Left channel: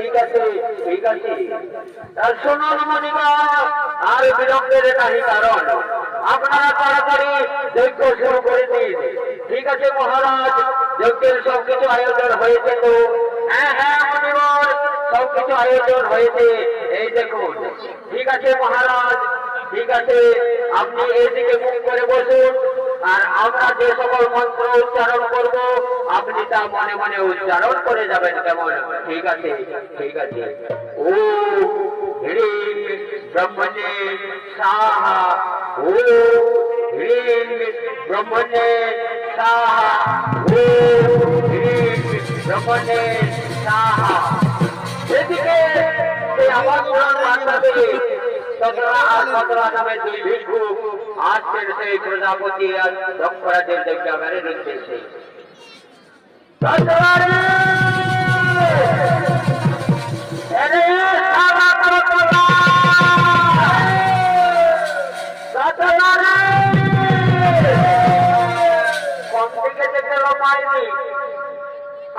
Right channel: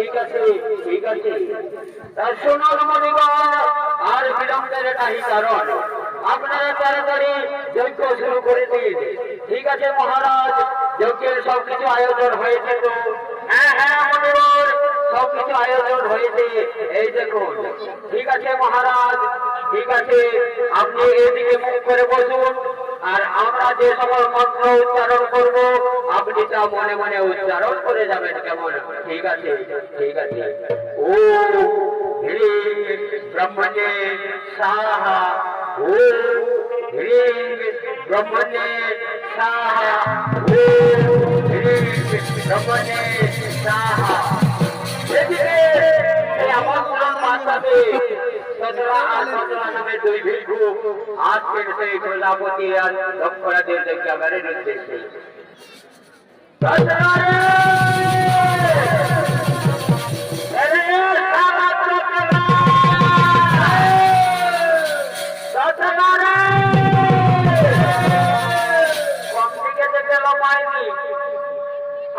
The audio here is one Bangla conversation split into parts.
ঠিক আছে ঠিক আছে। আর শুনুন মনিগণ, আর বিলম্বের নাহি কারণ, আপনারা তাড়াতাড়ি যজ্ঞ শুরু করে দিন। ঠিক আছে মহারাজ, যজ্ঞের সবকিছু আয়োজন হয়েছে তো? হ্যাঁ হ্যাঁ মনিগণ, সবকিছু আয়োজন হয়েছে, এই দেখুন। ঠিক আছে মহারাজ, ঠিক আছে, আপনি এইদিকে মুখ করে বসুন, আর আমরা যে সকল মন্ত্র উচ্চারণ করব আপনি তা মনে মনে উচ্চারণ করে যাবেন, কেমন? ঠিক আছে ঠিক আছে। ও হ্রিং ব্রহ্মণে স্বাহা, ও হ্রিং ব্রহ্মণে স্বাহা, ও হ্রিং ব্রহ্মণে স্বাহা। এদিকে এই আমন্ত্রণ পাঠাবে সতরা নামে দুই ভিক্ষুক আজকের সেই প্রজাপতি আর দক্ষরাজের যজ্ঞাগারের নির্দেশে।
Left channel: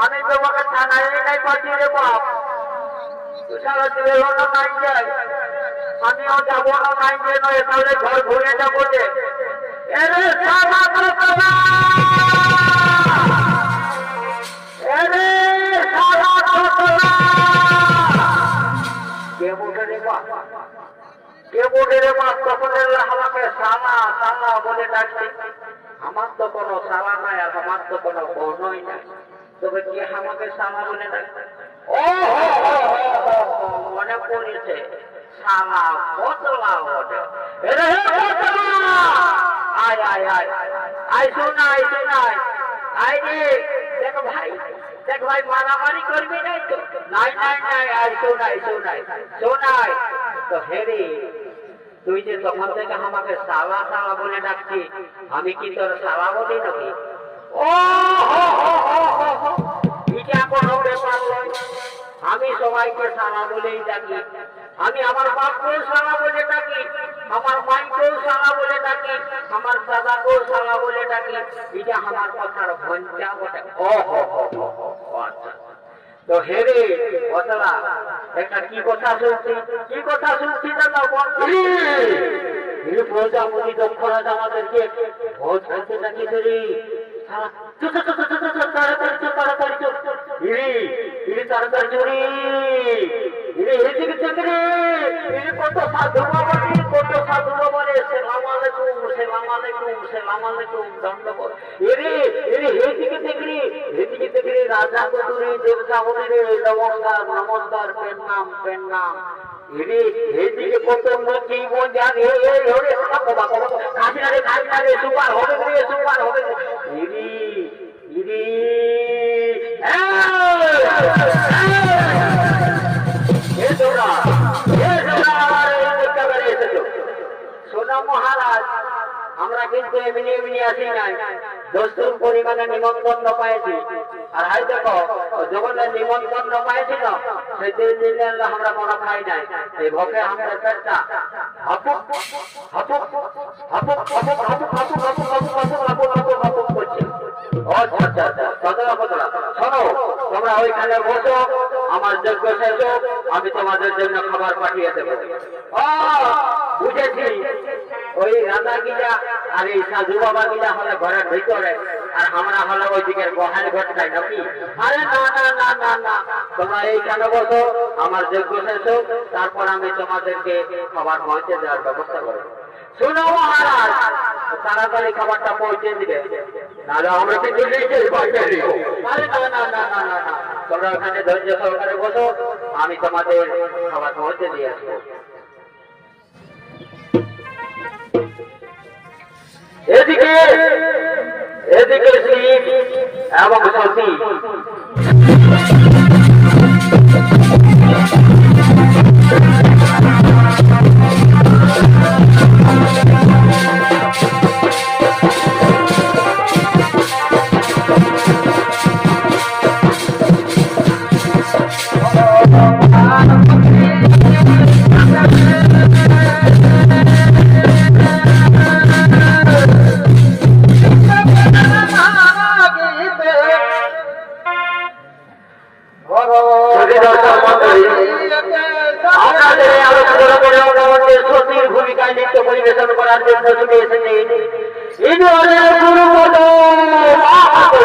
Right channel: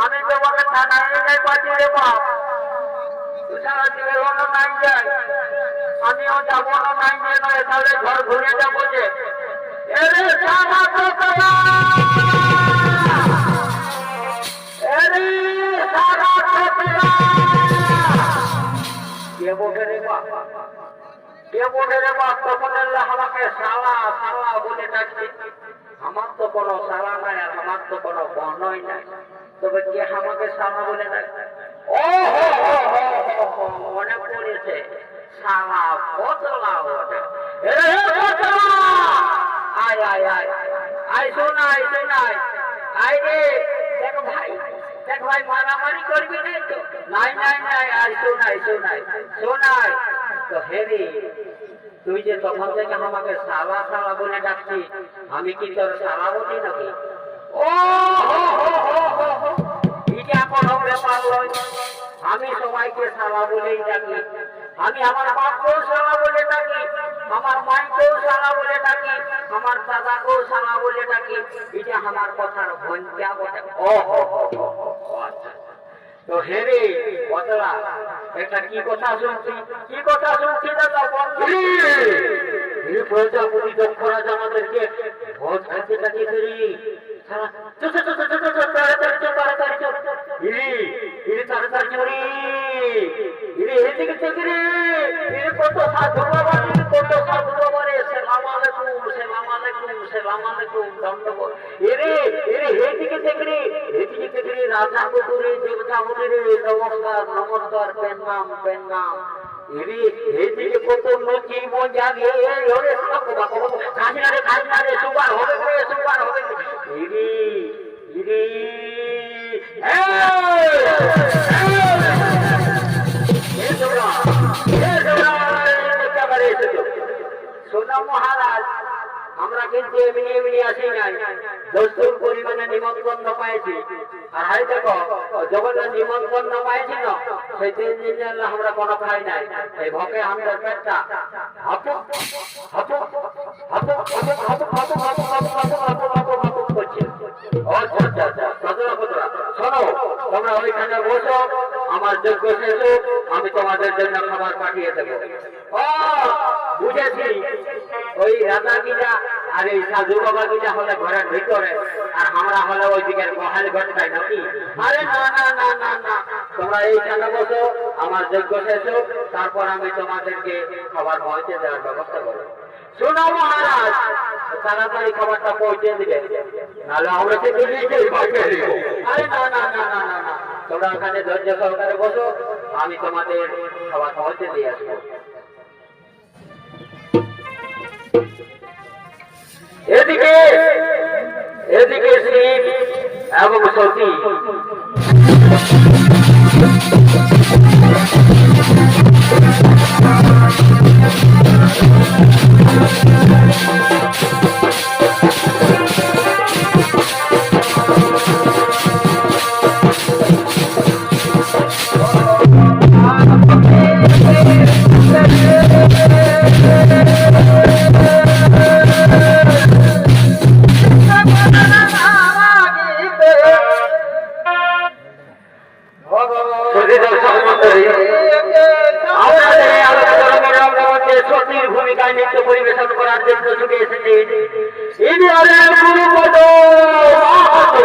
আমি তোমাকে থানায় পাঠিয়ে দেব, আমিও যাবো না, নাই যে নয় তাহলে ঘর ঘুরে যাবো যে। আমাকে সালা সালা বলে ডাকছে। আমার তো কোনো সালা নাই, আমার তো কোনো বর্ণই নাই, তবে কে আমাকে সালা বলে ডাকছে? ও মনে পড়েছে, সালা বদলা ওটা। আয় আয় আয় আয়, শোনাই শোনাই, আয় রে, দেখ ভাই দেখ ভাই, মারামারি করবি নাই তো? নাই নাই নাই, আয় শোনাই শোনাই শোনাই। তো হেরে, তুই যে তখন থেকে আমাকে সালা সালা বলে ডাকছি, আমি কি তোর সালা বলি নাকি? ও এটা কোনো ব্যাপার নয়, আমি সবাইকে সালা বলেই ডাকি। আমি আমার বাপকেও সালা বলে ডাকি, আমার মাইকেও সালা বলে ডাকি, আমার দাদাকেও সালা বলে ডাকি। এটা আমার কথার ভঞ্জা বটে। ও আচ্ছা। তো হেরে বদলা, একটা কি কথা শুনছি, কি কথা শুনছি দাদা? প্রজাপতি দক্ষরাজ আমাদেরকে ভোজ করতে ডাকিয়েছে রে। তাড়াতাড়ি চল তাড়াতাড়ি চল, তাড়াতাড়ি চলি, এদিকে থেকে রে, কত সাধু বাবা, কত সাধু বাবা রে, সেলাম আলাইকুম সেলাম আলাইকুম সেলাম আলাইকুম, দণ্ডবোধ। এরে এরে এদিকে থেকে রে, এদিকে থেকে রে, রাজা কুকুরে দেবতা বলে রে, নমস্কার নমস্কার, প্রণাম প্রণাম। এরে এদিকে কত লোক জানে, খাসিনারে খাসিনারে, সুপার হবে রে সুপার হবে রে। ইরি ইরি শোনো মহারাজ, আমরা কিন্তু এমনি এমনি আসি নাই, দস্তুর পরিমাণে নিমন্ত্রণ পাইছি। আর হাই দেখো, যখন নিমন্ত্রণ পাইছি না, সেই দিন আমরা কোনো খাই নাই। এই ভোগে আমরা পেটটা হাপুক হাপুক হাপুক হাপুক হাপুক হাপুক হাপুক হাপুক হাপুক হাপুক হাপুক হাপুক করছি। আচ্ছা আচ্ছা আচ্ছা, সদরা সদরা শোনো, তোমরা ওইখানে বসো, আমার যজ্ঞ শেষ হোক, আমি তোমাদের জন্য খাবার পাঠিয়ে দেবো। বুঝেছি, ওই রাজা গিলা আর এই সাধু বাবা গিলা হলে ঘরের ভিতরে, আর আমরা হলে ওই দিকের গোহালি ঘটকায় নাকি? আরে না না না না না, তোমরা এইখানে বসো, আমার যজ্ঞ শেষ হোক, তারপর আমি তোমাদেরকে খাবার পৌঁছে দেওয়ার ব্যবস্থা করবো। শোনো মহারাজ, তাড়াতাড়ি খাবারটা পৌঁছে দিবে, নাহলে আমরা কিন্তু আরে না না না না না না, তোমরা ওখানে ধৈর্য সহকারে বসো, আমি তোমাদের খাবার পৌঁছে দিয়ে আসবো। এদিকে এদিকে শিব এবং সতী আপনাদের এই আলোচনার মধ্যে সতীর ভূমিকায় নৃত্য পরিবেশন করার জন্য ছুটে এসেছেন ইন্দ্রের গুরুপদ মাহাতো।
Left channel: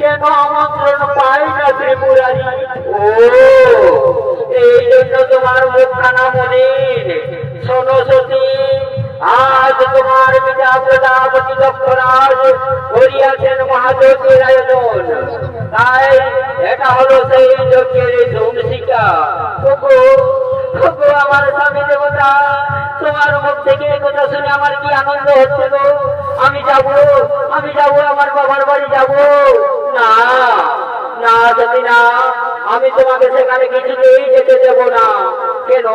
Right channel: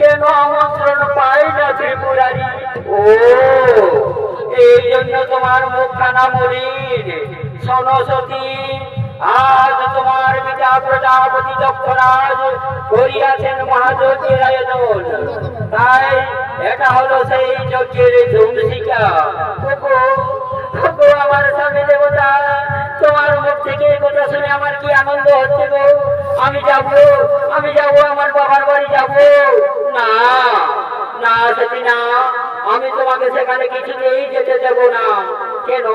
কেন আমন্ত্রণ পাই না ত্রিপুরারি? ও এই জন্য তোমার মুখখানা মলিন। শোনো সতী, আজ তোমার পিতা প্রজাপতি দক্ষরাজ করিয়াছেন মহাযজ্ঞের আয়োজন। তাই এটা হলো সেই যজ্ঞের ধুমশিকা। আমার স্বামী দেবতা, তোমার মুখ থেকে কথা শুনে আমার কি আনন্দ হচ্ছিল। আমি যাব আমার বাবার বাড়ি যাব। না না সতী না, আমি তোমাকে সেখানে কিছুতেই যেতে দেব না। কেন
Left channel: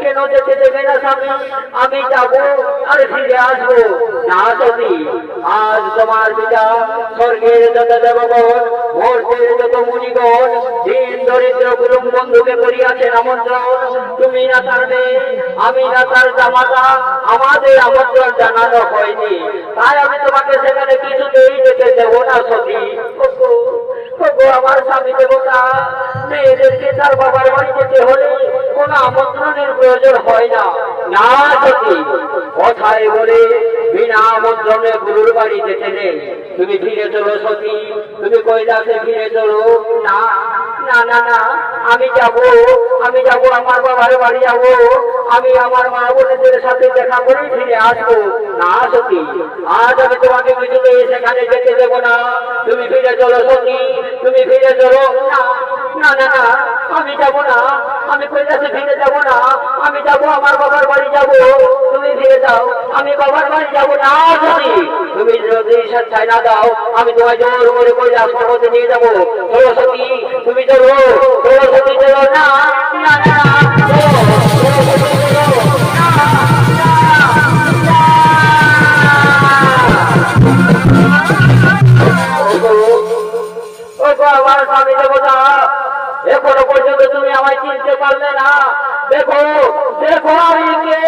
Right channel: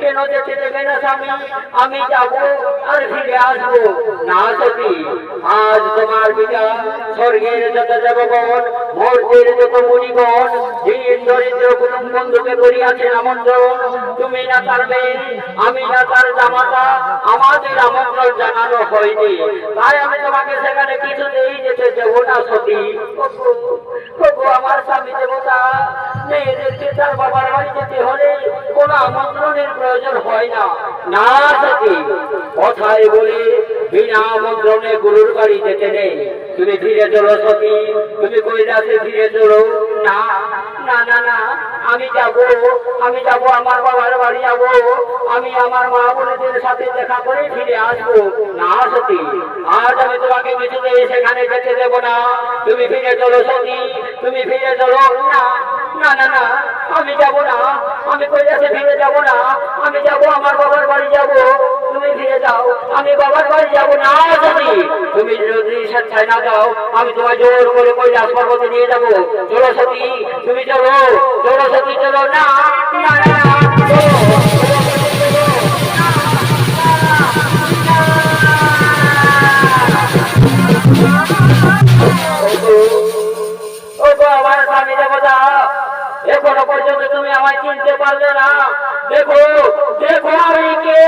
কেন যেতে দেবে না স্বামী? আমি যাব আর ফিরে আসবো। না সতী, আজ তোমার পিতা স্বর্গের যত দেবগণ, মর্তের যত মুনিগণ, দিন দরিদ্র কুটুম বন্ধুকে করিয়াছেন আমন্ত্রণ। তুমি না তার মেয়ে, আমি না তার জামাতা, আমাদের আমন্ত্রণ জানানো হয়নি। তাই আমি তোমাকে সেখানে কিছুতেই যেতে দেব না সতী। আমার স্বামী দেবতা, মেয়েদেরকে তার বাবার বাড়ি যেতে হলে কোনো আমন্ত্রণের প্রয়োজন হয় না। না সতী, কথায় বলে বিনা আমন্ত্রণে গুরুর বাড়ি যেতে নেই। তুমি ফিরে চলো সতী, তুমি কৈলাসে ফিরে চলো। না না না না, আমি যাব আমার বাবার বাড়ি যাব। আমি আমার মা বোনদের সাথে দেখা করে ফিরে আসবো। না সতী, আজ আমি তোমাকে কিছুতেই সেখানে যেতে দেবো না। তুমি ফিরে চলো সতী, তুমি ফিরে চলো। না না না না, আমি যাব না, আমি কৈলাসে ফিরে যাব না। আমি যাব আমার বাবার বাড়ি যাব। তুমি ফিরে যাও, আমি বাবার বাড়ি যাব। না সতী, তুমি যদি স্বেচ্ছায় না দাও, আমি তোমায় জোর করে কৈলাস পর্বতে নিয়ে যাবো। চলো সতী, তুমি চলো সতী, চলো। না না না, আমার স্বামী দেবতা, এখনো পর্যন্ত তুমি আমায় চিনতে পারলে না। দেখো আমি কে।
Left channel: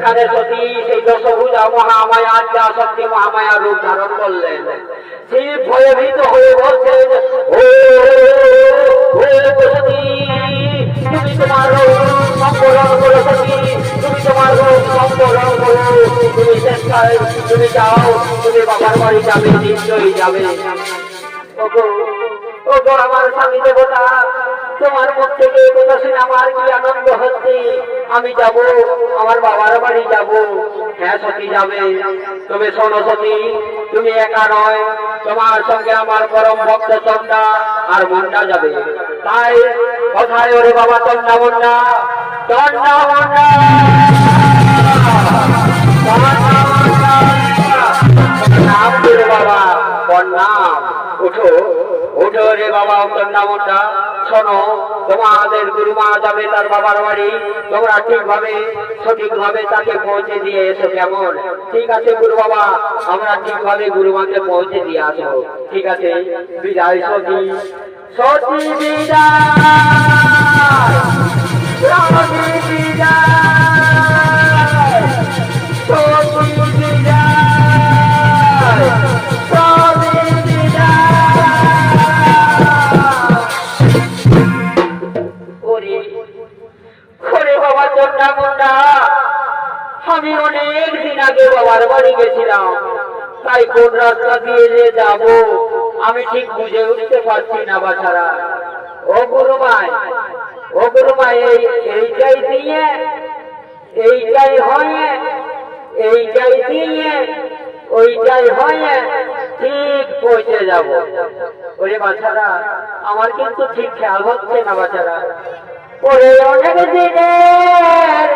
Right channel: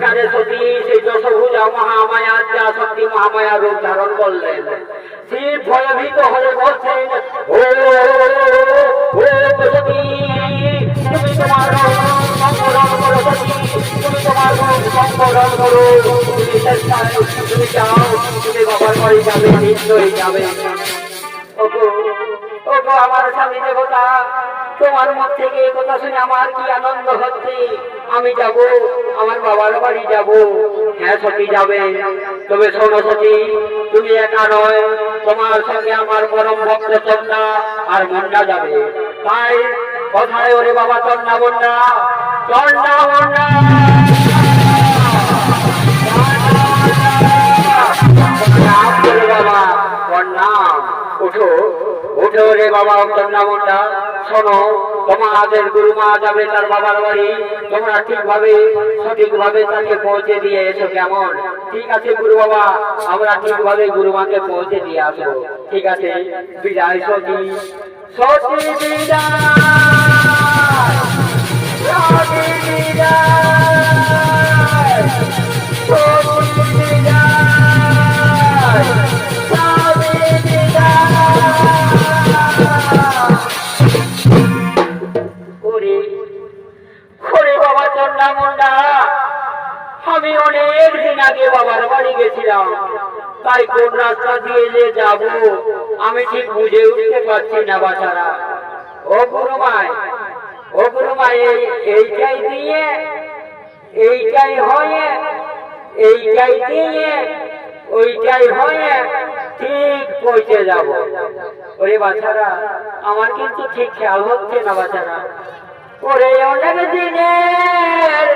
সেখানে সতী সেই দশভুজা মহামায়া আদ্যা শক্তি মহামায়া রূপ ধারণ করলেন। শিব ভয়ভীত হয়ে বলছেন, ও সতী, তুমি তোমার সম্বরণ করো সতী, তুমি তোমার রূপ সম্বরণ করো, তুমি চেষ্টায় তুমি যাও, তুমি বাবার বাড়ি যাবে, নিশ্চয়ই যাবে। ওগো আমার স্বামী দেবতা, তোমার মুখ থেকে এই কথা শুনে আমার কি আনন্দ হচ্ছে। আমি যাব, আমার বাবার বাড়ি যাব। হ্যাঁ সতী যাবে, তবে শোনো সতী, তুমি একা নয়, তোমার সঙ্গে আমার পরম ভক্ত চন্ডা আর মন্ডা যাবে। তাই কোথায় ওরে বাবা চন্ডা মন্ডা, চন্ডা মন্ডা, নাম করে বাবা, নাম ওঠো, ওঠো রে বাবা চন্ডা মন্ডা। শোনো, তোমাদের গুরুমা যাবে তার বাবার বাড়ি, তোমরা ঠিকভাবে সঠিকভাবে তাকে পৌঁছে দিয়ে এসো, কেমন? ঠিক আছে গুরু বাবা, আমরা ঠিকভাবে গুরুমাকে পৌঁছে দিয়ে আসবো। ঠিক আছে, বিদায় সতী, সতী বিদায়, সতী বিদায়, সতী বিদায়, সতী বিদায়। বাবা চন্ডা মুন্ডা, আমি অনেক দিন আগে বাবার বাড়ি গেছিলাম, তাই কোন রাস্তা দিয়ে যে যাব আমি ঠিক বুঝে উঠতে পারছি না বাছারা। ও গুরুমাই, ও গুরুমাই, এইটাই দিয়ে, এইটাই হয়ে, এইটাই দিয়ে, ওইটাই হয়ে ঠিক পৌঁছে যাব। ওরে বাছারা, আমার কিন্তু ঠিক খেয়াল হচ্ছে না বাছারা। ওরে অনেক দিনের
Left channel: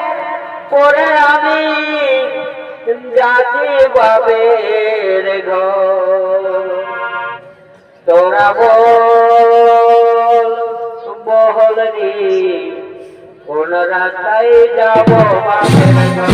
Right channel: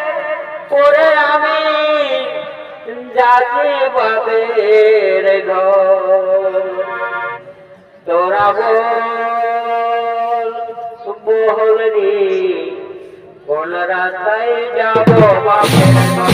পরে আমি যাচ্ছি বাবের ঘর, তোরা বল রে কোন রাস্তায় যাব বাবের ঘর।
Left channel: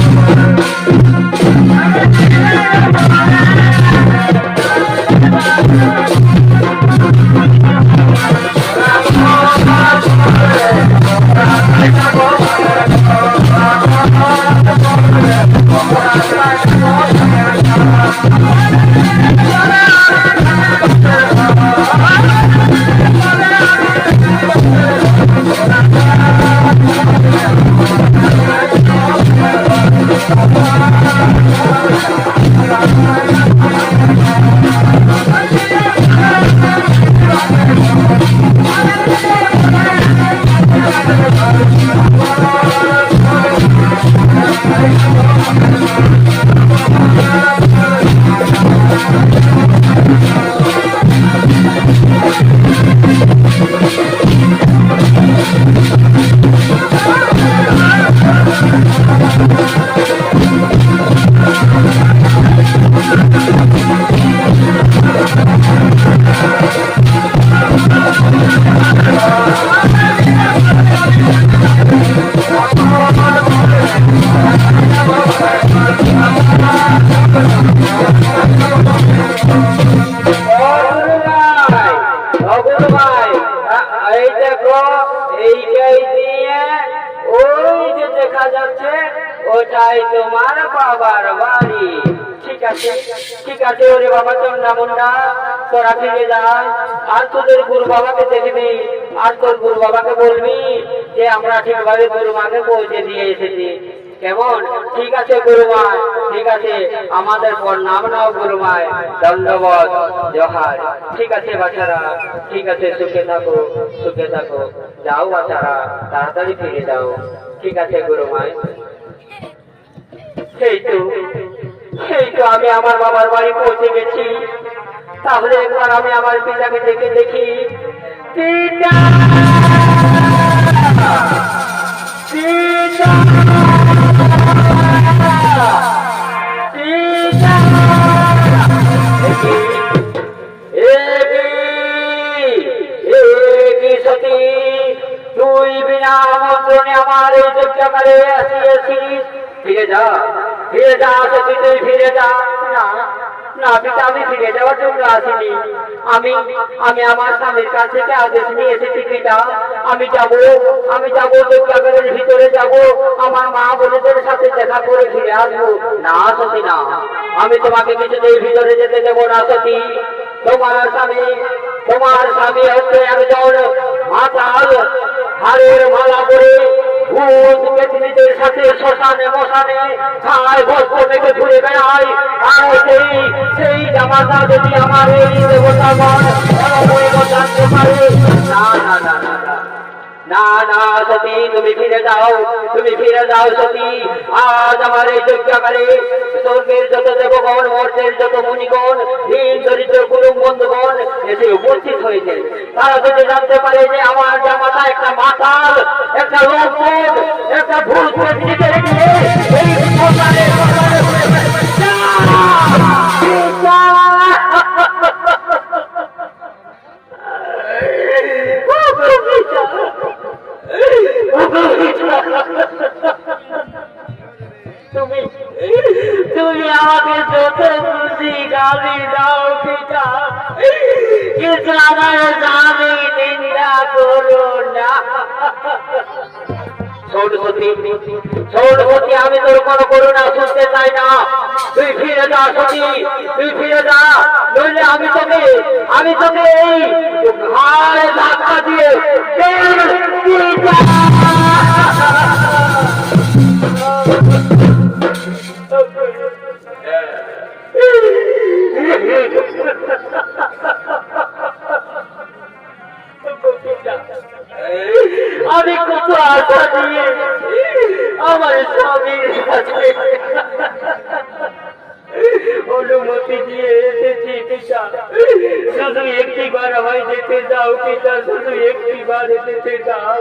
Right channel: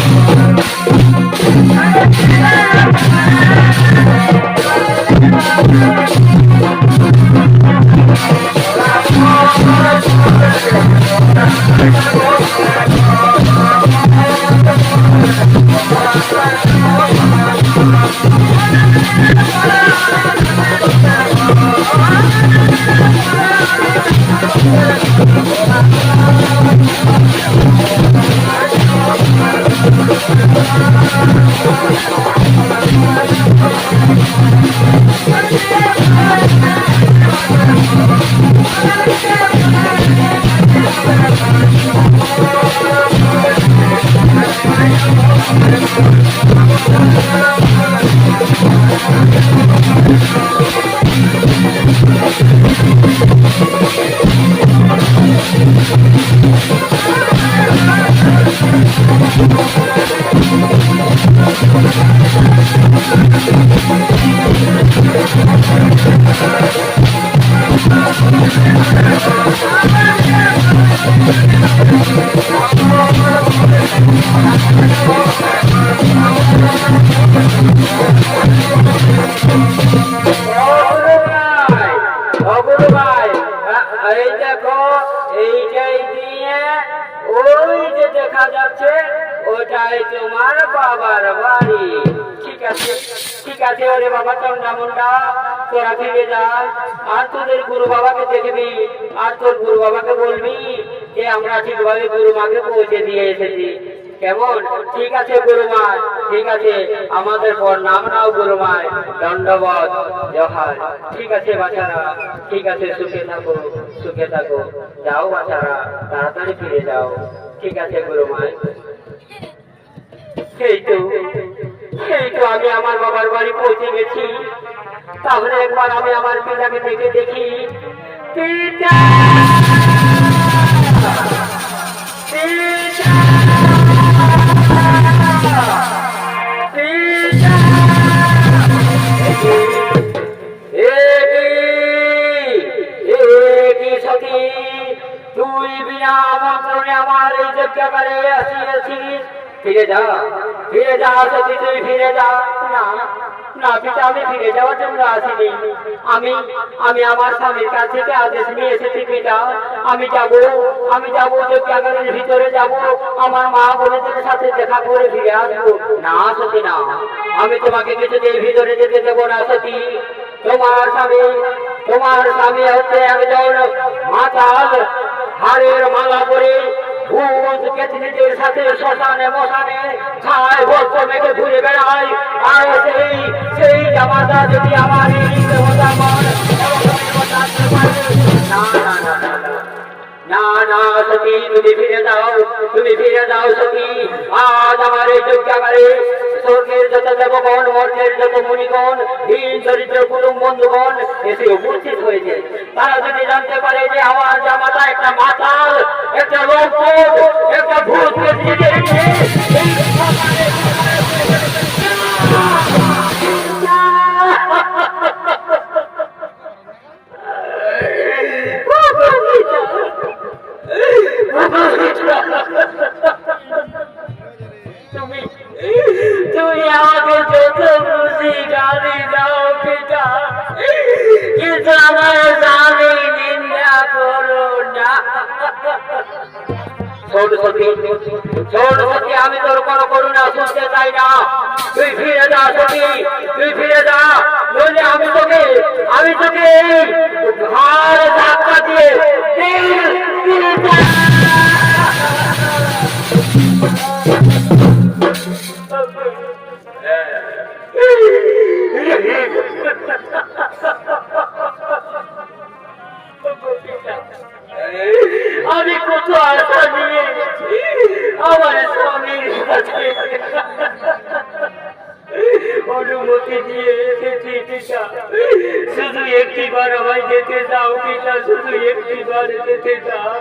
ওটাই তোমার বাবার বাড়ি। ঠিক আছে, ঠিক আছে ওরে বাবা চন্ডা মুন্ডা, তোরা ফিরে যাস, আর তোদের গুরু বাবাকে দেখবি, আর তোর গুরু বাবাকে বলবি যে আমরা ঠিকভাবে গুরু মাকে পৌঁছে দিয়ে এসেছি, কেমন? ঠিক আছে গুরুমা, ঠিক আছে, আমাদের প্রণাম নাও গুরুমায়, দণ্ডবত জোহার। ঠিক আছে বাছারা, ঠিক আছে, সুখে থাকো, সুখে থাকো, যাও বাছারা, তাড়াতাড়ি ফিরে যাও। ঠিক আছে গুরুমায়। সেই তো আমি আমার বাবার বাড়ি পৌঁছে গেছি। তাহলে একবার আমি আমার পিতাকে দেখে দেখি। পিতা, পিতা, পিতা, সতী, তুই বিনা আমন্ত্রণে আমার এই যজ্ঞাগারে আসিয়েছিস। ফিরে যা, ফিরে যা সতী, তুই ফিরে যা। না না পিতা, আমি ফিরে যাওয়ার জন্য আসিনি। আমি আমি আমার স্বামীর কাছ থেকে আদেশ নিয়ে এসেছি পিতা। আমি যাব যজ্ঞাগারের ভিতরে যাব, আমার মা বোনদের সাথে দেখা করে ফিরে আসবো। না সতী না, আমি তোমাকে কিছুতেই ভিতরে যেতে দেবো না সতী। তোমার স্বামী হচ্ছে একজন মাতাল, হাড়ের মালা পরে ভূত কেতনিদের সাথে শ্মশানে মশানে ছায় বস্ত্র মেঘে ঘুরে বেড়ায়। আর সেই জামাতা যদি আমার এই দেবতাগণ জানতে পারে, না না না না না না না সতী, তুমি ফিরে যাও সতী। আজ আমার এই যজ্ঞাগারে স্বর্গের যত দেবগণ, মর্তের যত মুনিগণ, হীন দরিদ্র কুটুম বন্ধুগণ এসে উপস্থিত হয়েছে। তারা যদি জানতে পারে যে আমার জামাতা একটা মাতাল, একটা লোকভূত, একটা ভূত তুমি আমাকে যত খুশি গালি দাও পিতা, কিন্তু আমার স্বামী নিন্দা করো না। শোন সতী, আমি তোর কোনো করুণা শুনতে চাই না। তুই ফিরে যা সতী, তুই ফিরে যা, নইলে আমি তোকে এই ঘাড়ে ধাক্কা দিয়ে আমি কত আশা নিয়ে আমার স্বামীর কাছে অনুমতি দিয়ে এসেছি পিতা, শুধু একটিবার আমায় যেতে দাও পিতা, শুধু একটিবার যেতে দাও।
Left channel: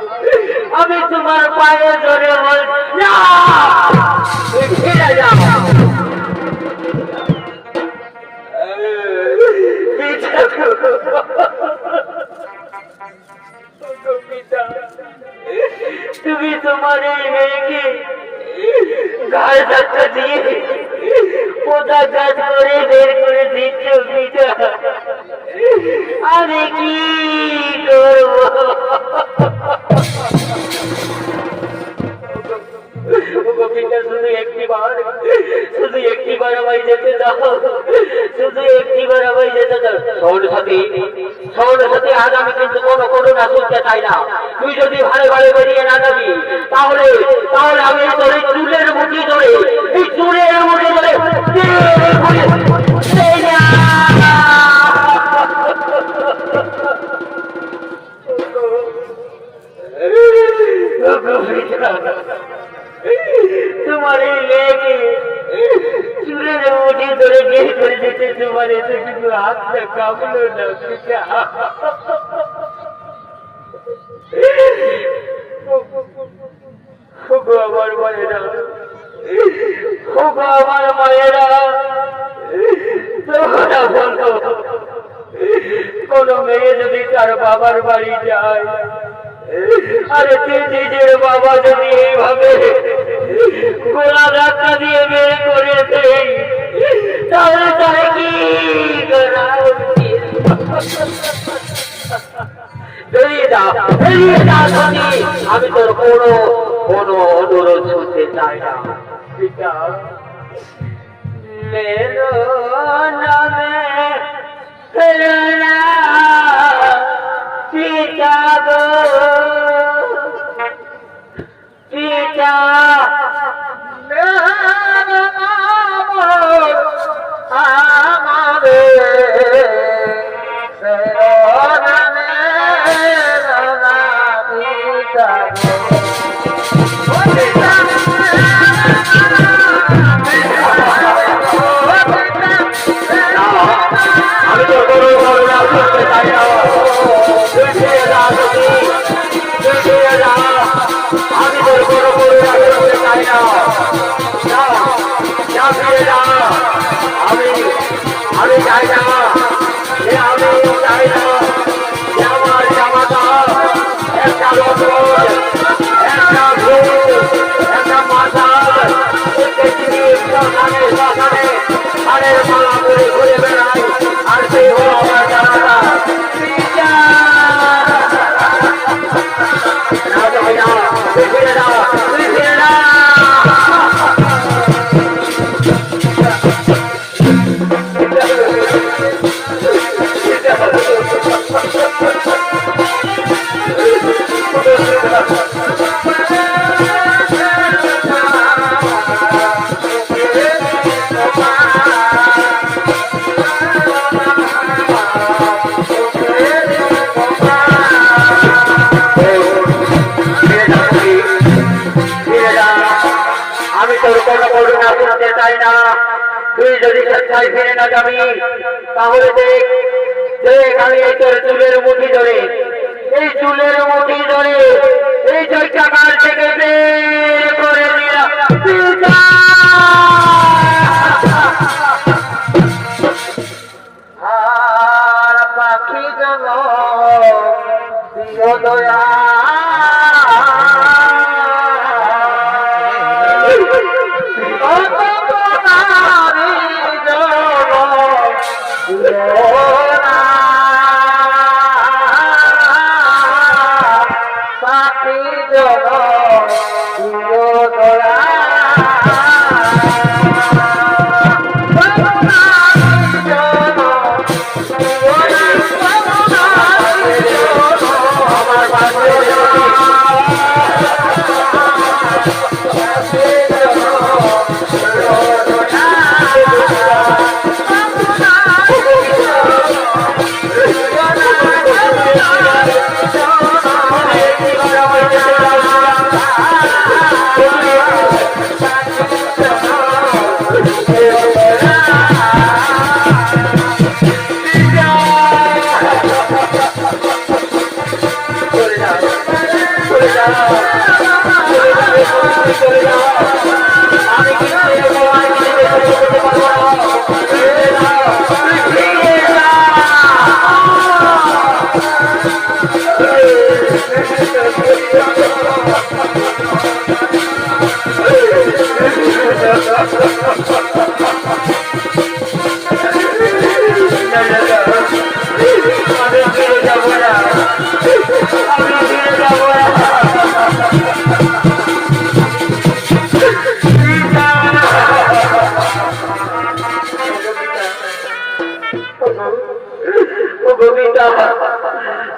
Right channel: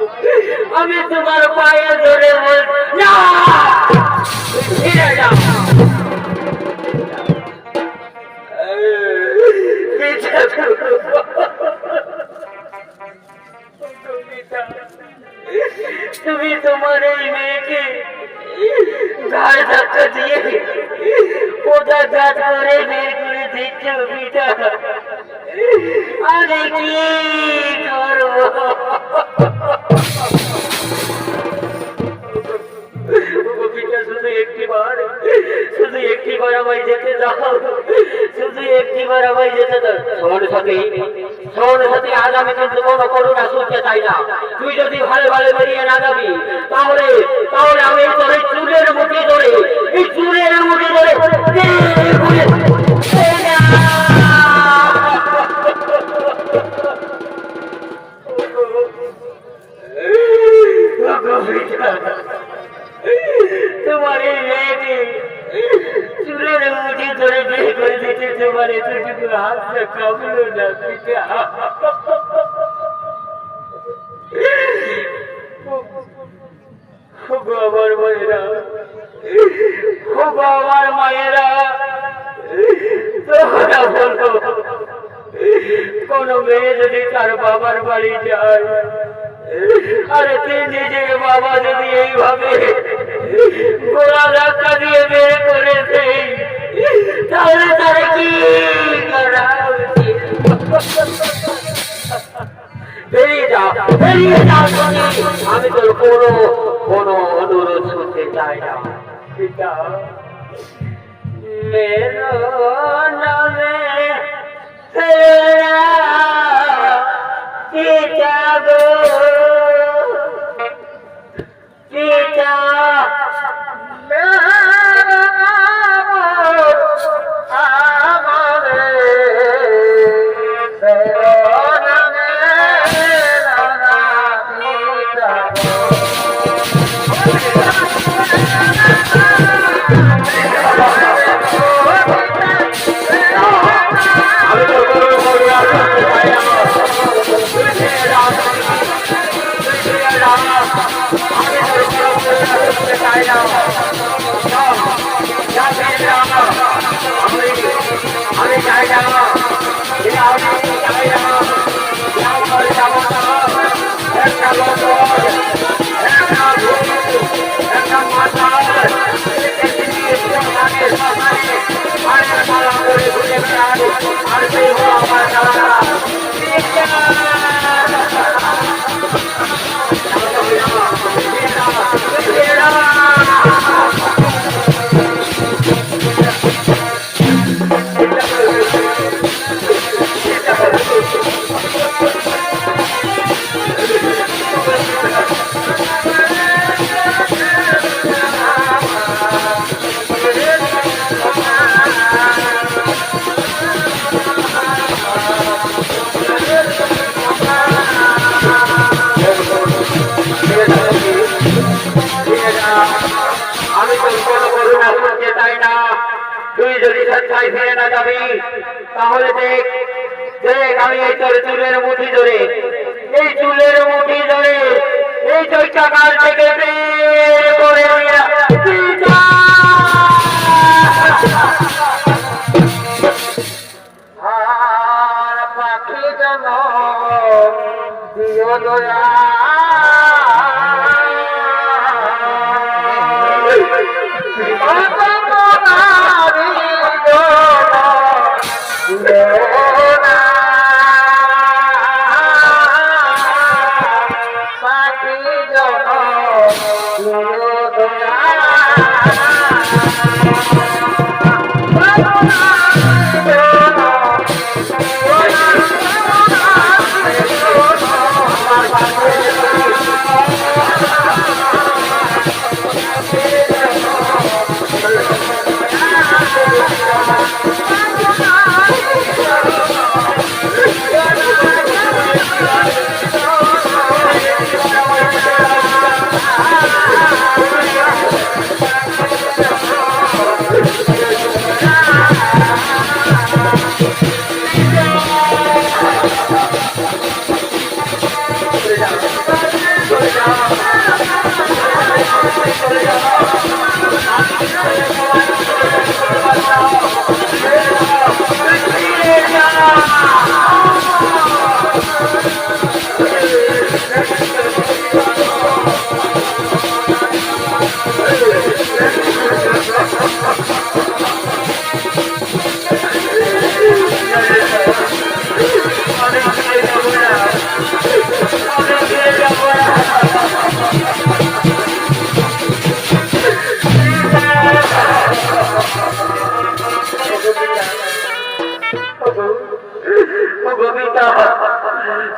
আমি তোমার পায়ে ধরে বলছি ফিরে যাও। তুমি তোমার এই মেয়েকে গায়ে ধাক্কা দিয়ে কোথা কাজ করে বের করে দিচ্ছ পিতা, আমি কি করবো? পিতা শুধু একটিবার আমায় যেতে দাও, শুধু একটিবার আমায় যেতে দাও। শোন সতী, আজ আমি কিন্তু কোনো করুণা শুনতে চাই না। তুই যদি ভালো বেরিয়ে না যাবি, তাহলে আমি তোর এই চুলের মুঠি ধরে তোমার এই মেয়েকে চুলের মুঠি ধরে বের করে দিতে তোমার এতটুকু হাতটা কামলো না পিতা। আমার মায়েরা কোন মেয়ে যদি তার বাবার বাড়ি যায়, আরে তুই নিজের বাবা যদি এইভাবে গোলা ধাক্কা দিয়ে বের করেছে, তাহলে তারা কি করা? বেরিয়ে যা আমি তোর কোনো অনুরোধ শুনতে চাই না পিতা। मेरो नामे पिता गो पिता, আমি কোথায় ফিরে না যাবি তাহলে দেখ দেখ আমি এই তোর চুলের মুঠি ধরে এই চুলের মুঠি ধরে এই চৈত্রাকার থেকে বের করে নিয়ে যা। আর পাখি যেন দিও দয়া পাখি যেন দিও দয়া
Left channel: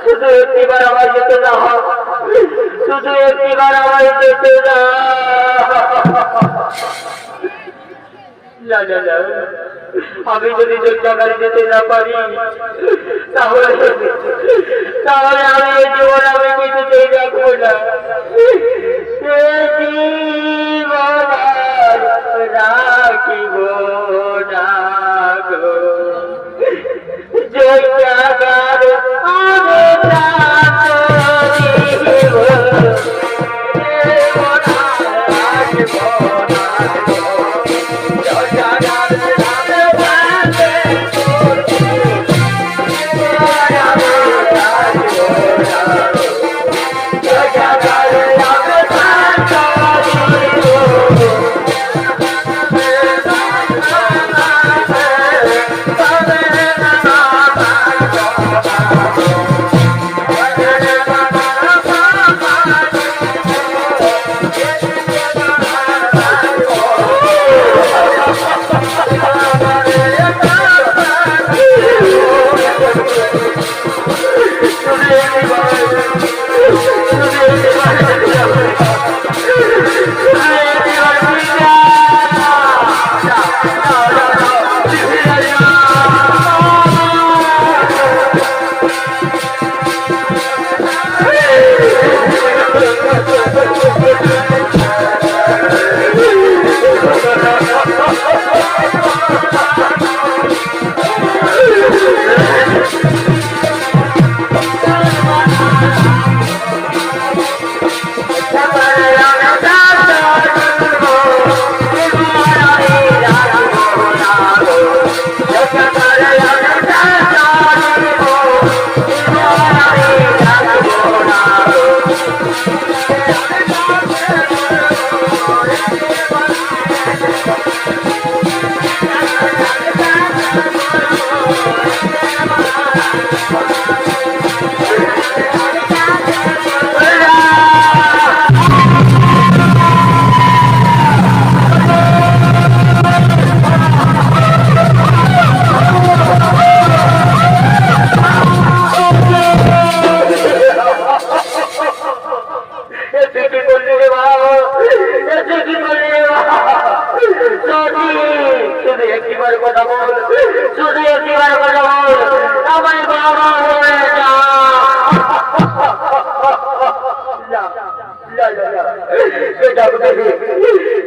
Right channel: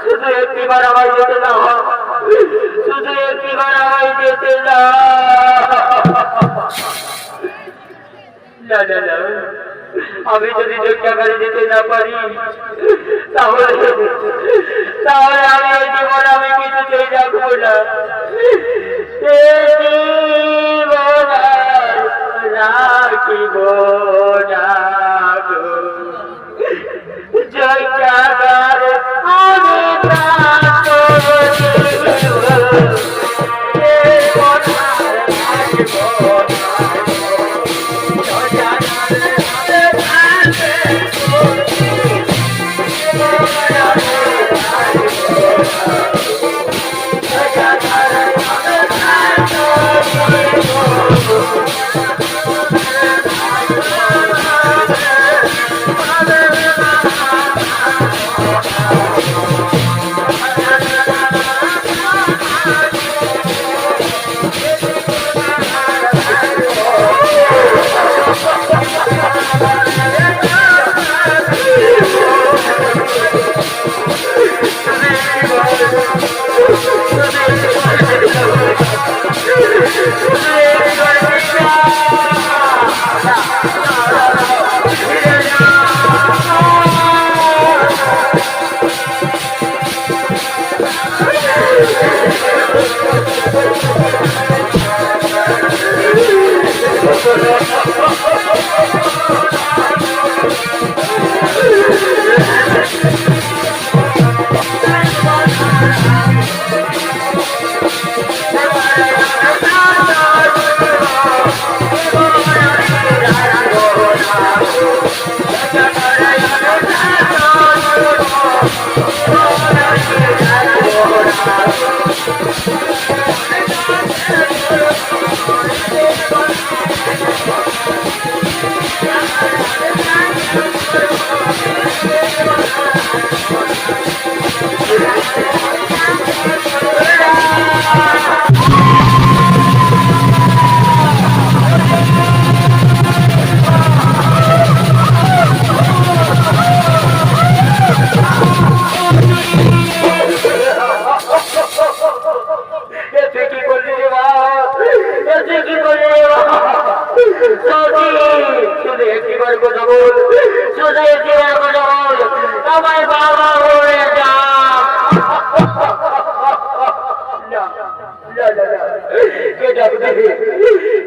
শুধু একটিবার আমার যেতে না শুধু একটিবার আমার যেতে না আমি যদি যোগ্যাগারে যেতে না পারি তাহলে তাহলে আমি এই জীবন আমি কিছুতেই রাখবো না রাখিব না গো যোগ্যাগার আমি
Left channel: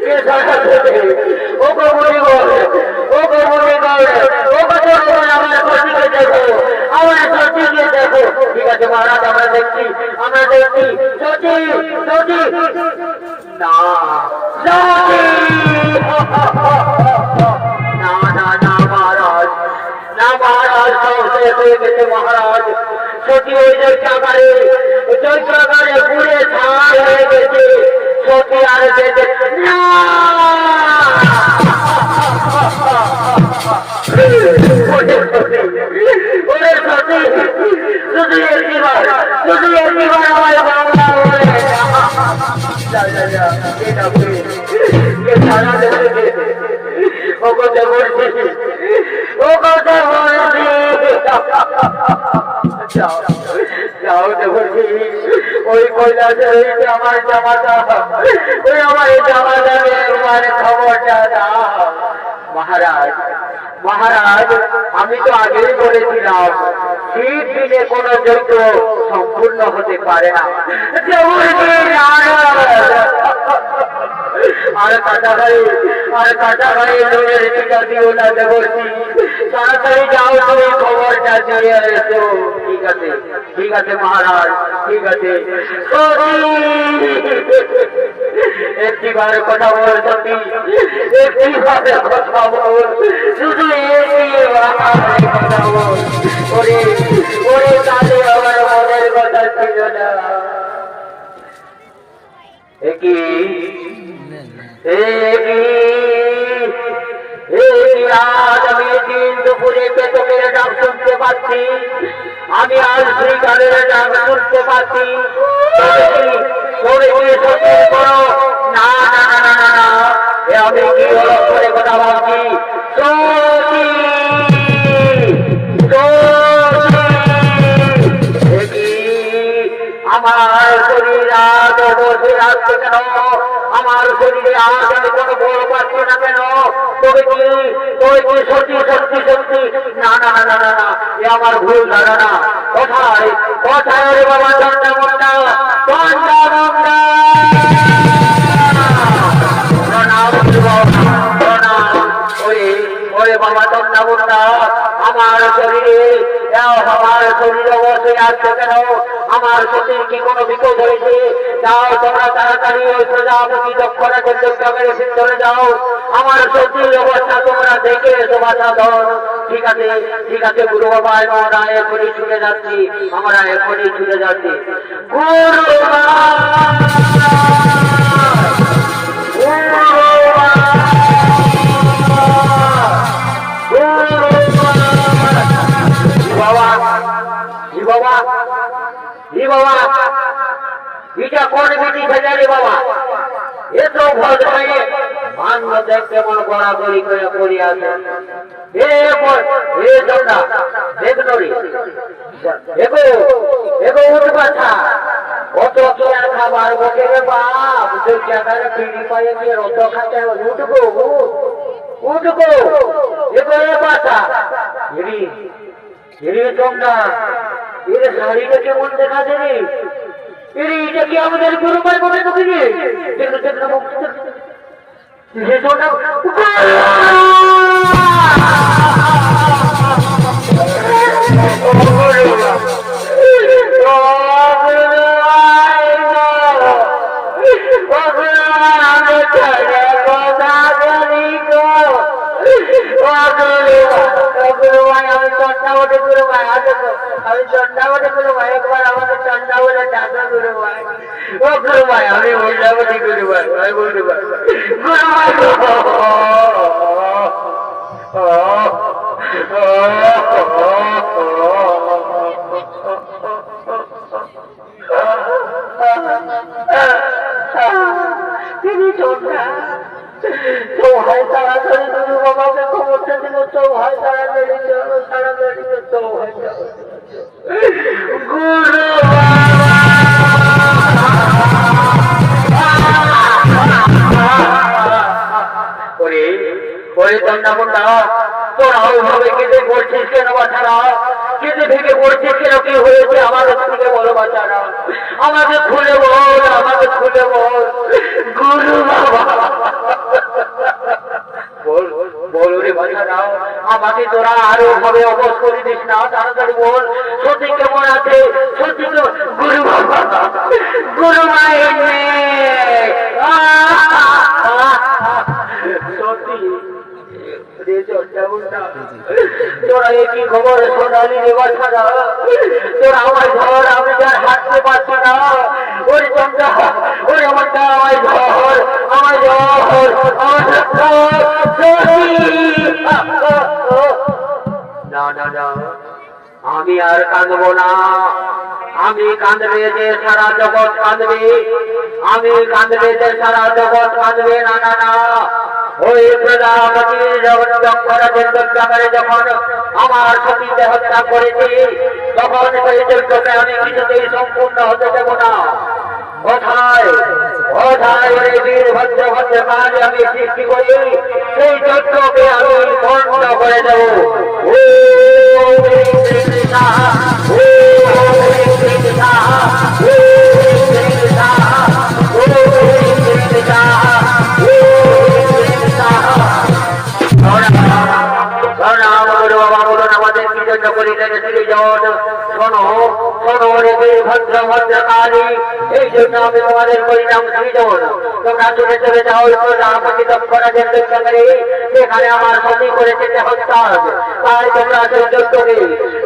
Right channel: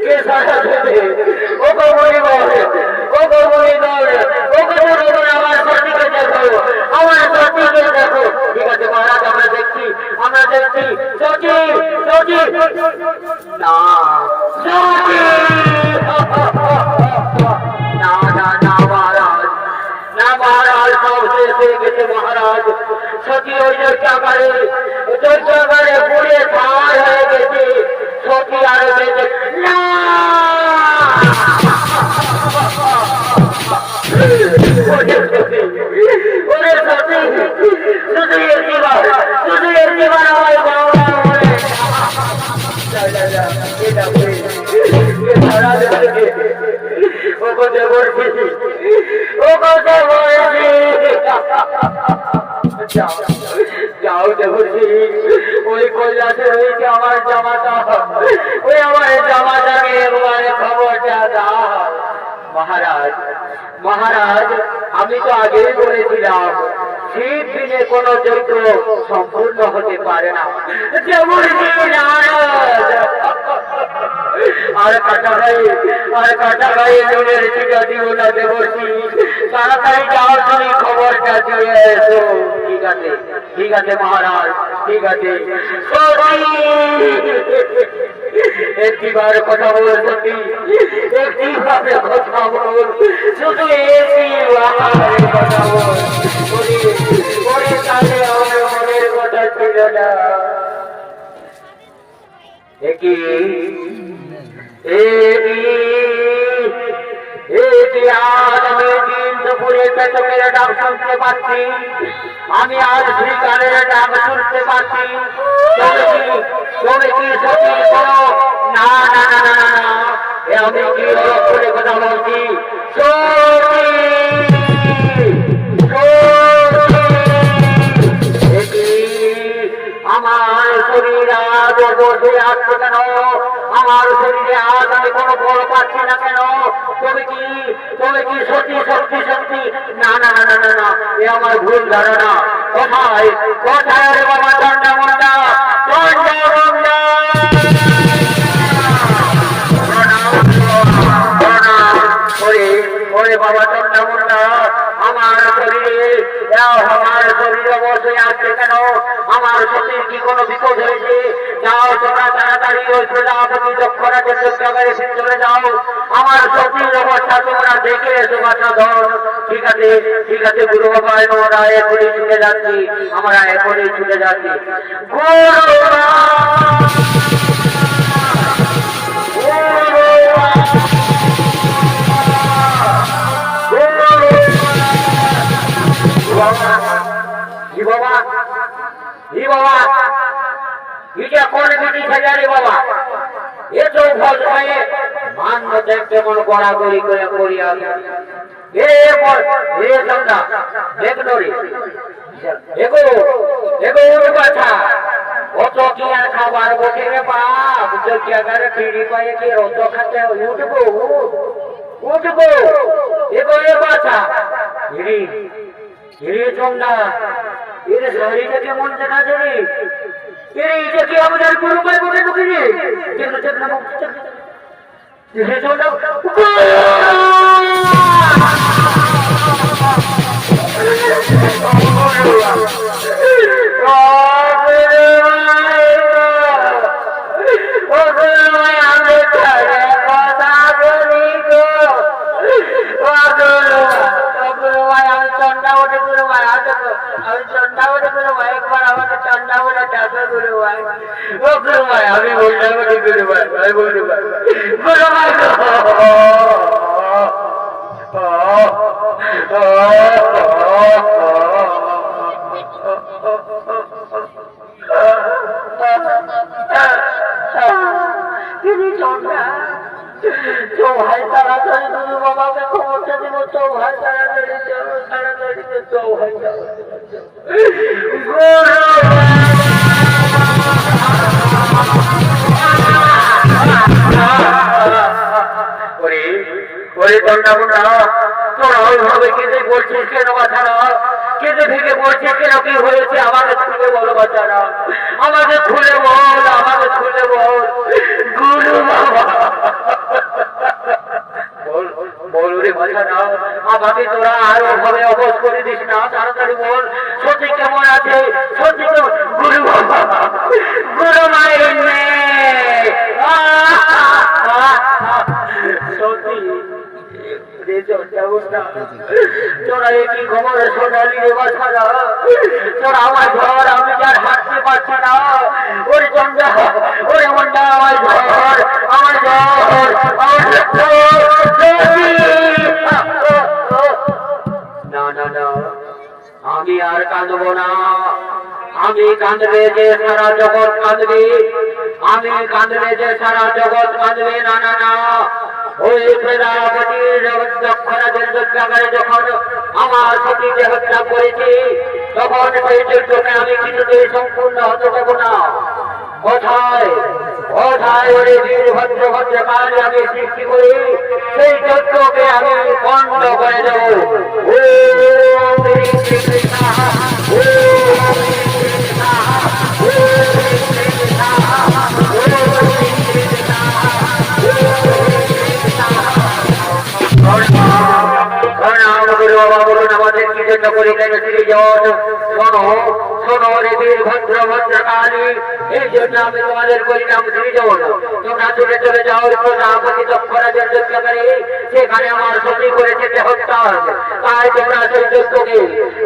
কে সারা দেবে ও গো মনি গো দেখছি সতী সতী না সতী না না না মহারাজ না মহারাজ সব শেষ হয়ে গেছে মহারাজ সতী ওই দৈত্যাগারে পুড়ে ছাড় হয়ে গেছে সতী আর বেঁচে না যাও দেবর্ষি ওই কৈলাসের আমার জামাটা ওই আমার জামাটাকে মানে খবরটা দাও মহারাজ মহারাজ আমি তো আগেই বলেছিলাম শীত দিনে কোন যজ্ঞ সম্পূর্ণ হতে পারে না আর কাটা ভাই নিজের টিকা দিও না দেবর্ষি তাড়াতাড়ি যাও তুমি খবরটা দিয়ে এসো ঠিক আছে মহারাজ ঠিক আছে একটিবার কথা বল সত্যি একটিভাবে কথা বল শুধু কথা বল ওরে তাহলে আমার মনের কথা ছিল না আমি দিন দুপুরে পেটকের ডাক শুনতে পাচ্ছি আমি আজ শ্রীকালের ডাক শুনতে পাচ্ছি না না না না না আমি কি অলক করে কথা বলছি আমার শরীর আজ বসে আসছে কেন আমার শরীরে আজ আমি কোনো বল পাচ্ছি না কেন তবে কি সত্যি সত্যি সত্যি না না না না না না এ আমার ভুল ধারণা কোথায় কোথায় বাবা চন্ডা মুন্ডা চন্ডা মুন্ডা ওরে বাবা চন্ডা মুন্ডা আমার শরীরে বসে আসছে কেন আমার সতীর কি কোনো বিপদ হয়েছে যাও তোমরা তাড়াতাড়ি ওই প্রজাপতি দক্ষরাজের দক্ষাগারে চলে যাও আমার সতীর অবস্থা তোমরা দেখে এসো বাছা ধর ঠিক আছে গুরু বাবা আমরা এখনই ছুটে যাচ্ছি গুরু এটা কোন বেটি ছেলে বাবা এত ভয় মান্য দেখতে মন গড়াগড়ি করে করিয়া কত কি আর খাবার বসে রে বাপ জায়গায় পিড়ি পায়ে কি রত খাতে উঠবো এগো এ বাছা চন্ডা এর শাড়িটা কেমন দেখা যাবে এটা কি আমাদের গুরুমাই বলে ঢুকিয়ে আমি বললাম তিনি ভাই তাড়াতাড়ি তুমি বাবাকে খবরটা দিব তো ভাই তাড়াতাড়ি তো ভাই ওরে চন্ডামুন্ডা তোরা ওইভাবে কেঁদে পড়ছিস কেন বাছারা কেঁদে থেকে পড়ছিস কেন কি হয়েছে আমাকে খুলে বলো বাছারা আমাকে খুলে বল গুরু বাবা বল রে বাছারা আমাকে তোরা আরো ভাবে অবশ করে দিস না তাড়াতাড়ি বল সত্যি কেমন আছে সত্যি তো গুরু তোরা আমার ঘর আমি যার হাঁটতে পারছি না ওরে চন্ডা ওরে মন্ডা আমার ঘর আমার ঘর আমার না না না আমি আর কাঁদবো না আমি কাঁদবে যে সারা জগৎ কাঁদবে আমি কাঁদবে যে সারা জগৎ কাঁদবে না না না ওই প্রজাপতির দক্ষরাজের লজ্জাগারে যখন আমার সতীকে হত্যা করেছে তখন সেই যজ্ঞকে আমি কিছুতেই সম্পূর্ণ হতে দেব না কোথায় কোথায় ওই বীরভদ্র ভদ্রকালী আমি সৃষ্টি করি সেই যজ্ঞকে আমি বন্ধ করে দেব ও কৃষ্ণা এই জন্য আমি তোমাদের পরিণাম সৃজন তোমরা চলে চলে যাও প্রজাপতি দক্ষরাজের যজ্ঞাগারে সেখানে আমার সতী করেছে যে হত্যা তাই তোমরা সেই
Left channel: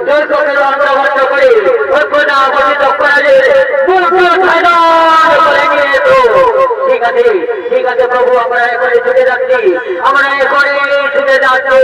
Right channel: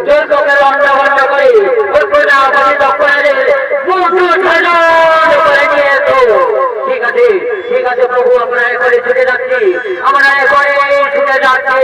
যজ্ঞকে লন্ডভন্ড করে ওই প্রজাপতি দক্ষরাজের করে নিয়ে এসো ঠিক আছে প্রভু আমরা এখানে ছুটে যাচ্ছি আমরা এখানে ছুটে যাচ্ছি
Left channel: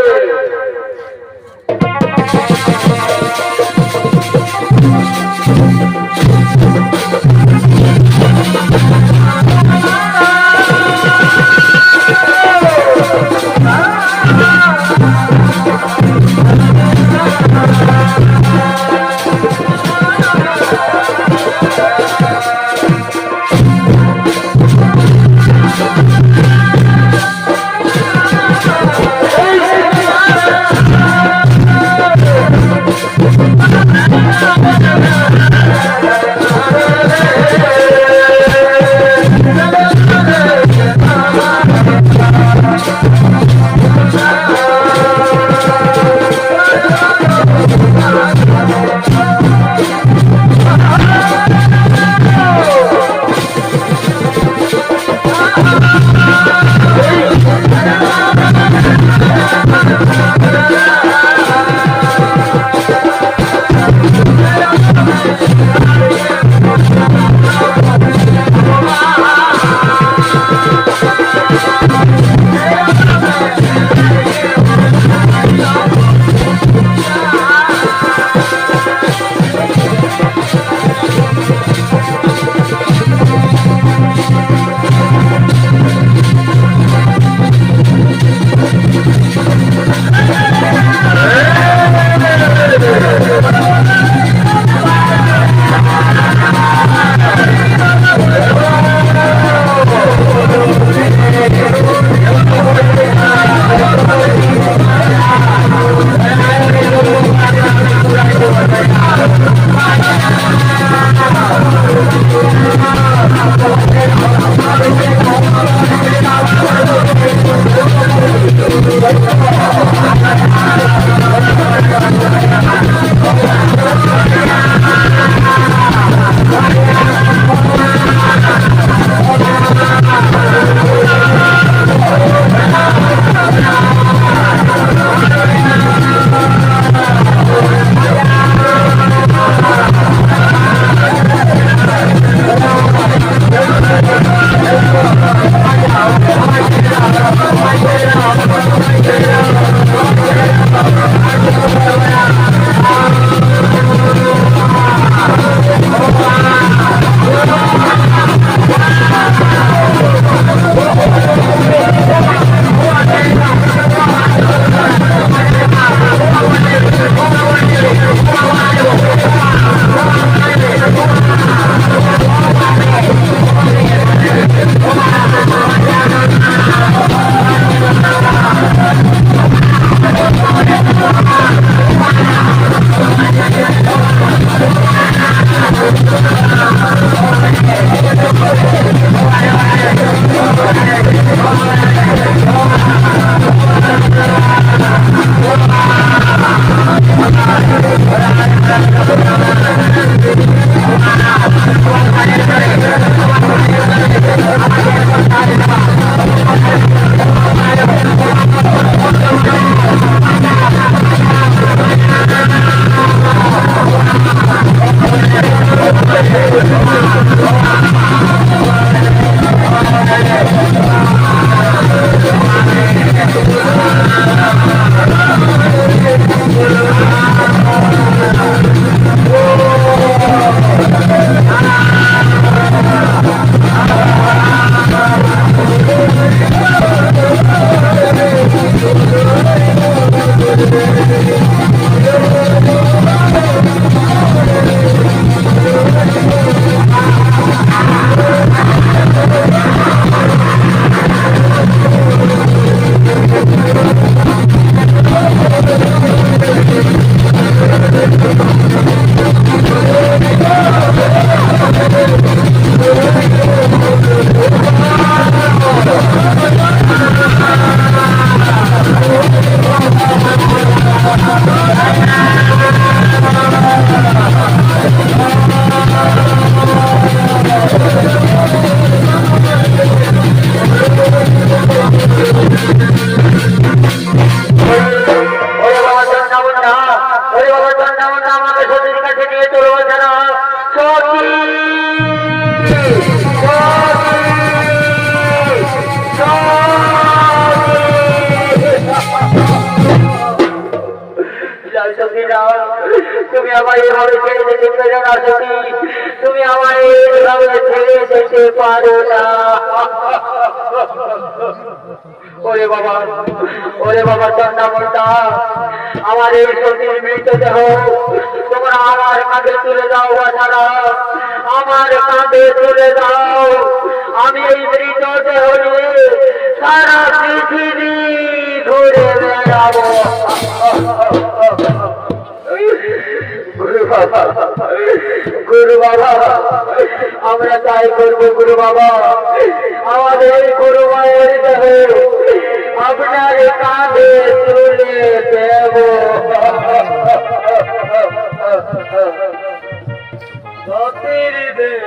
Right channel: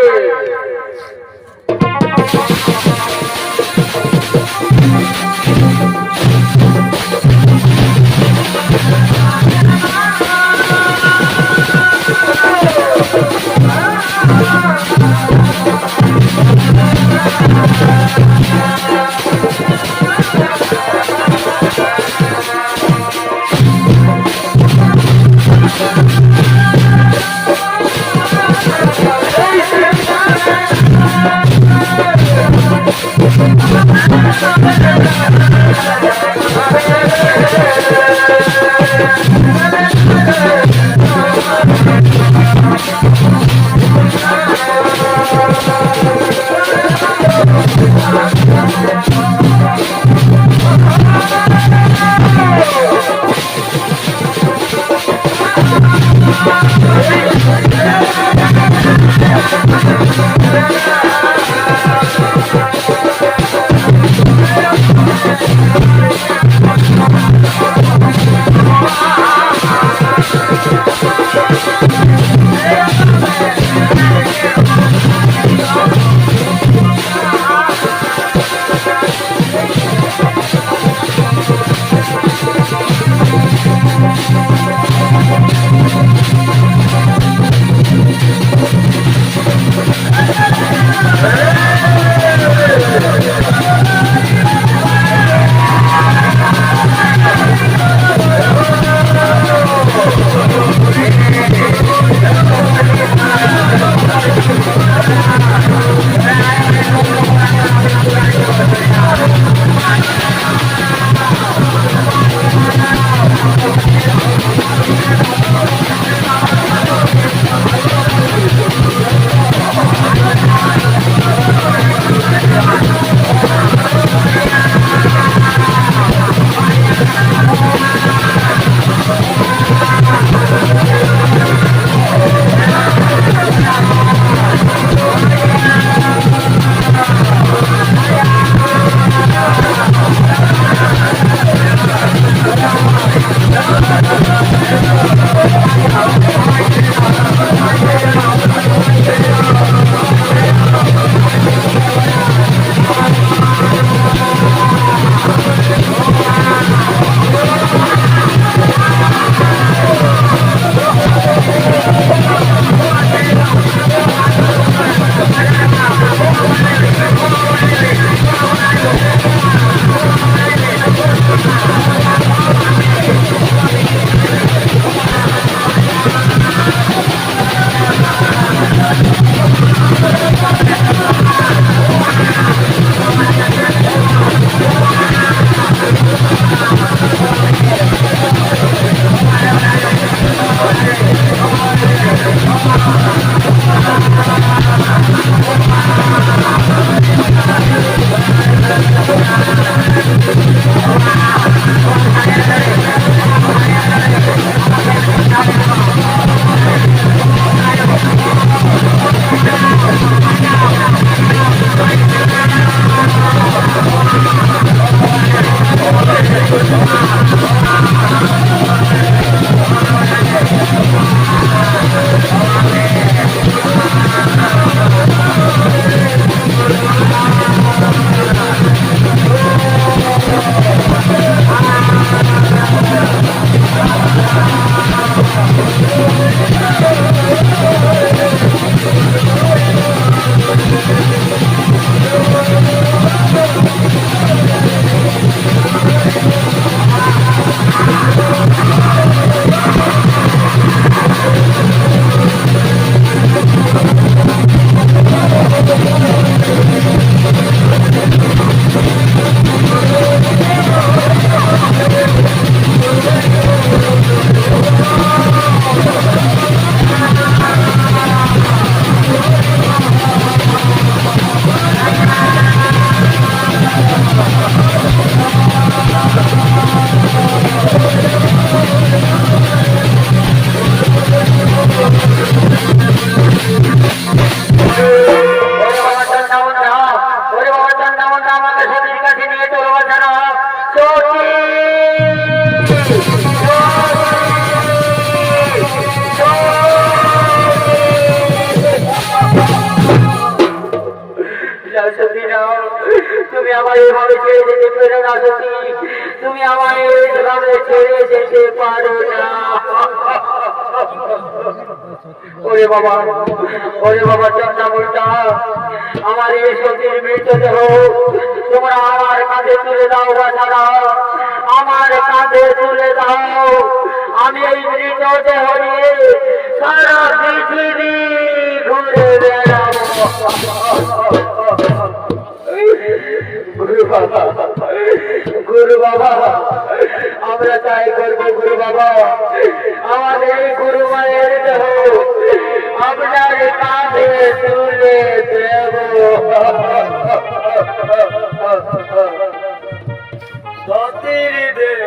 কাছে নিয়ে চলবো ছাড়া সতী তুমি আমায় এভাবে ছেড়ে যেতে পেরো না সতী, তুমি আমায় এভাবে ছেড়ে যেতে পারো না। ওরে বাবা চন্ডা বলতা, আমার এই সতীর মৃতদেহ তোমরা আমার কাঁধে তুলে দাও বাছারা, আমার কাঁধে তুলে দাও। আমি এই মৃতদেহ নিয়ে সারা পৃথিবী ঘুরে বেড়াবো। গুরু বাবা, আমরা তাই করবো গুরু বাবা, আমাদের গুরু মায়ের দেহ আপনার কাঁধে তুলে দেব। সতীর দেব